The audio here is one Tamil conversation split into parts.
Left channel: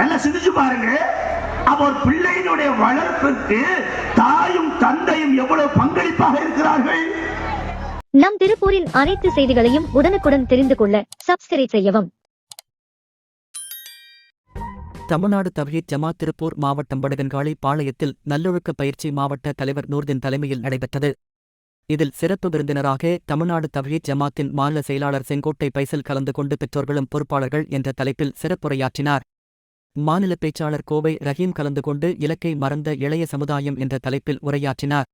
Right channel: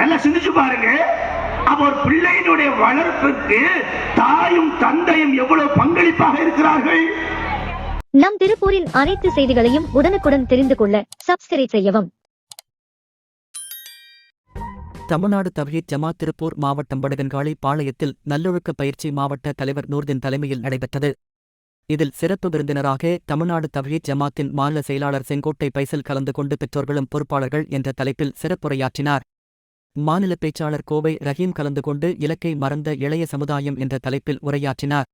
நல்லா சிந்திச்சு பாருங்க. அப்ப ஒரு பிள்ளையினுடைய வளர்ப்பிற்கு தாயும் தந்தையும் எவ்வளவு பங்களிப்பாக இருக்கிறார்கள்? நம் திருப்பூரின் அனைத்து செய்திகளையும் உடனுக்குடன் தெரிந்து கொள்ள சப்ஸ்கிரைப் செய்யவும். தமிழ்நாடு தவ்ஹீத் ஜமாத் திருப்பூர் மாவட்டம் வடகன்காளி பாளையத்தில் நல்லொழுக்க பயிற்சி மாவட்ட தலைவர் நூர்தின் தலைமையில் நடைபெற்றது. இதில் சிறப்பு விருந்தினராக தமிழ்நாடு தவ்ஹீத் ஜமாத்தின் மாநில செயலாளர் செங்கோட்டை பைசல் கலந்து கொண்டு பெற்றோர்களும் பொறுப்பாளர்கள் என்ற தலைப்பில் சிறப்புரையாற்றினார். மாநில பேச்சாளர் கோவை ரஹீம் கலந்து கொண்டு இலக்கை மறந்த இளைய சமுதாயம் என்ற தலைப்பில் உரையாற்றினார்.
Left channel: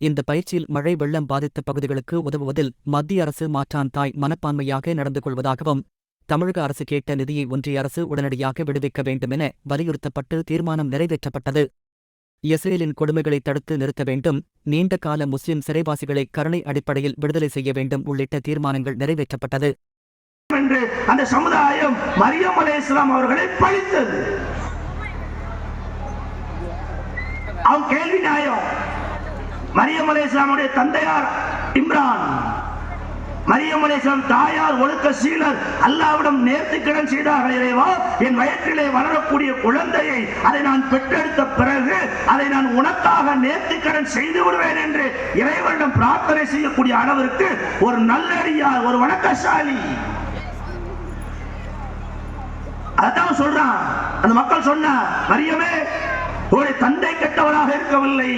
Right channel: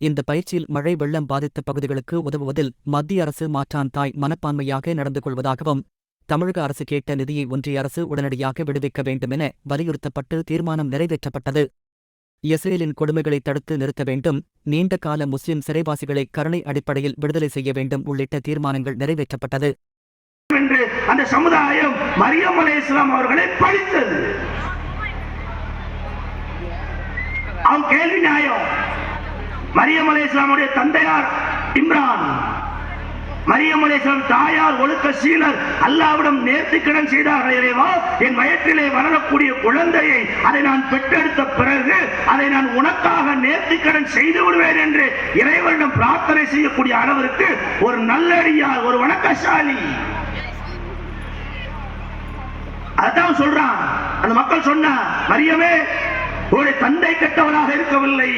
இந்த பயிற்சியில் மழை வெள்ளம் பாதித்த பகுதிகளுக்கு உதவுவதில் மத்திய அரசு மாற்றான் தாய் மனப்பான்மையாக நடந்து கொள்வதாகவும் தமிழக அரசு கேட்ட நிதியை ஒன்றிய அரசு உடனடியாக விடுவிக்க வேண்டுமென வலியுறுத்தப்பட்டு தீர்மானம் நிறைவேற்றப்பட்டது. இஸ்ரேலின் கொடுமைகளை தடுத்து நிறுத்த வேண்டும் நீண்ட கால முஸ்லிம் சிறைவாசிகளை கருணை அடிப்படையில் விடுதலை செய்ய வேண்டும் உள்ளிட்ட தீர்மானங்கள் நிறைவேற்றப்பட்டது. என்று அந்த சமுதாயம் மரியம் அலே இஸ்லாம் அவர்களை பழித்தது. அவன் கேள்வி நியாயம். மரியம் அலே இஸ்லாமுடைய தந்தையார் இம்ரான். மரியம் அலை இஸ்லாம் தாயார் ஒழுக்க சீலர் அல்லாவிடம் நேர்த்திக்கடன் செய்தார். இறைவா என் வயிற்றிலே வளரக்கூடிய குழந்தையை அதை நான் பெற்றெடுத்த பிறகு அதை நான் உனக்காக நேர்த்திக்கடன் செய்து விடுவேன் என்று இறைவனிடம் பிரார்த்தனை செய்யக்கூடிய அளவிற்கு ஒரு நல்லடியார் ஒரு வணக்கசாலி. அதான் சொல்றான். அந்த மக்கள் சொன்னா மரியமே உன்னுடைய தந்தை கெட்டவராக இருக்கவில்லை.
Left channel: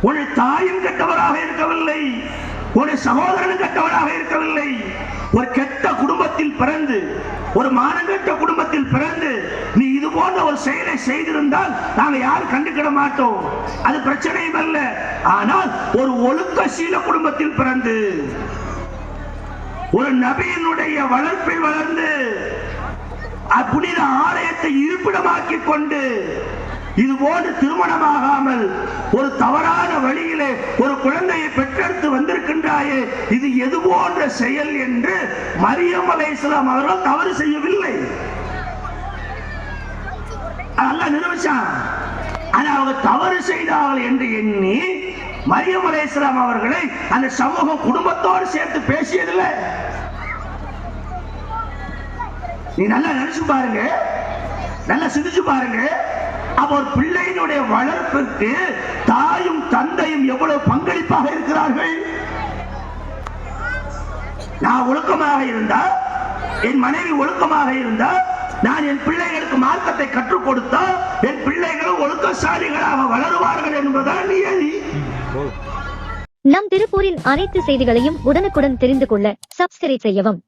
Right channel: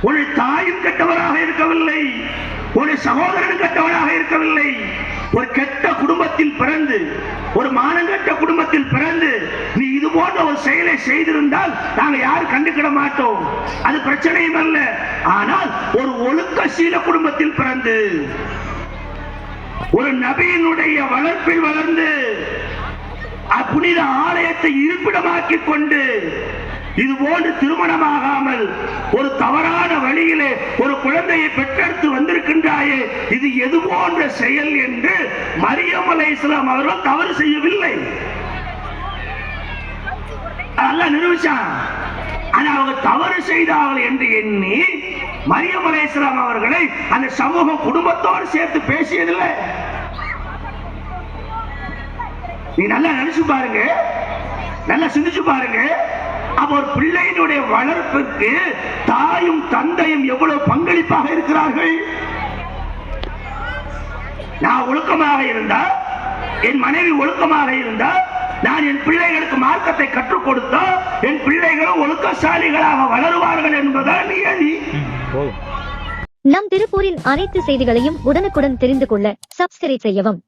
உன்னுடைய தாயும் கெட்டவராக இருக்கவில்லை. ஒரு சகோதரன் கெட்டவராக இருக்கவில்லை. ஒரு கெட்ட குடும்பத்தில் பிறந்து ஒரு மானங்கெட்ட குடும்பத்தில் பிறந்து நீ இது போன்ற ஒரு செயலை செய்திருந்தால் நாங்க யாரும் கண்டுக்கிட மாட்டோம். அது பிரச்சனையும் அல்ல. ஆனால் ஒரு ஒழுக்க சீல குடும்பத்தில் பிறந்து ஒரு நபியினுடைய வளர்ப்பில் வளர்ந்து ஆலயத்தை இருப்பிடமாக்கி கொண்டு இது போன்று திருமணமாகாமல் ஒரு தவறான வழியிலே ஒரு குழந்தையை பெற்றெடுத்து வந்திருக்கின்றாயே இது எது போன்ற செயல் என்று மரியம் அலை இஸ்லாம் அவர்கள் தவறு செய்யவில்லை. நல்லா நிரூபிச்சான். ஆனா அவங்க தவறு செய்தார்கள் என்று எண்ணி மரியம் அலை இஸ்லாம் அவர்களை அந்த சமூக குடும்பத்தோடு சேர்த்து பேசியதில்லை. நீ நல்லா நினைச்சு பாருங்க. நல்லா சிந்திச்சு பாருங்க. அப்ப ஒரு பிள்ளையினுடைய வளர்ப்பிற்கு தாயும் தந்தையும் எவ்வளவு பங்களிப்பாக இருக்கிறார்கள்? நான் ஒழுக்கமாக இருந்தா என் மனைவி ஒழுக்கமாக இருந்தா நான் என் பிள்ளைகளுக்கு மார்க்கத்தை கற்றுக் கொடுத்தா என் பிள்ளைகள் ஒழுக்கசாலிகளாக வளருவார்கள் என்பதுதான் நியதி. நம் திருப்பூரின் அனைத்து செய்திகளையும் உடனுக்குடன் தெரிந்து கொள்ள சப்ஸ்கிரைப் செய்யவும்.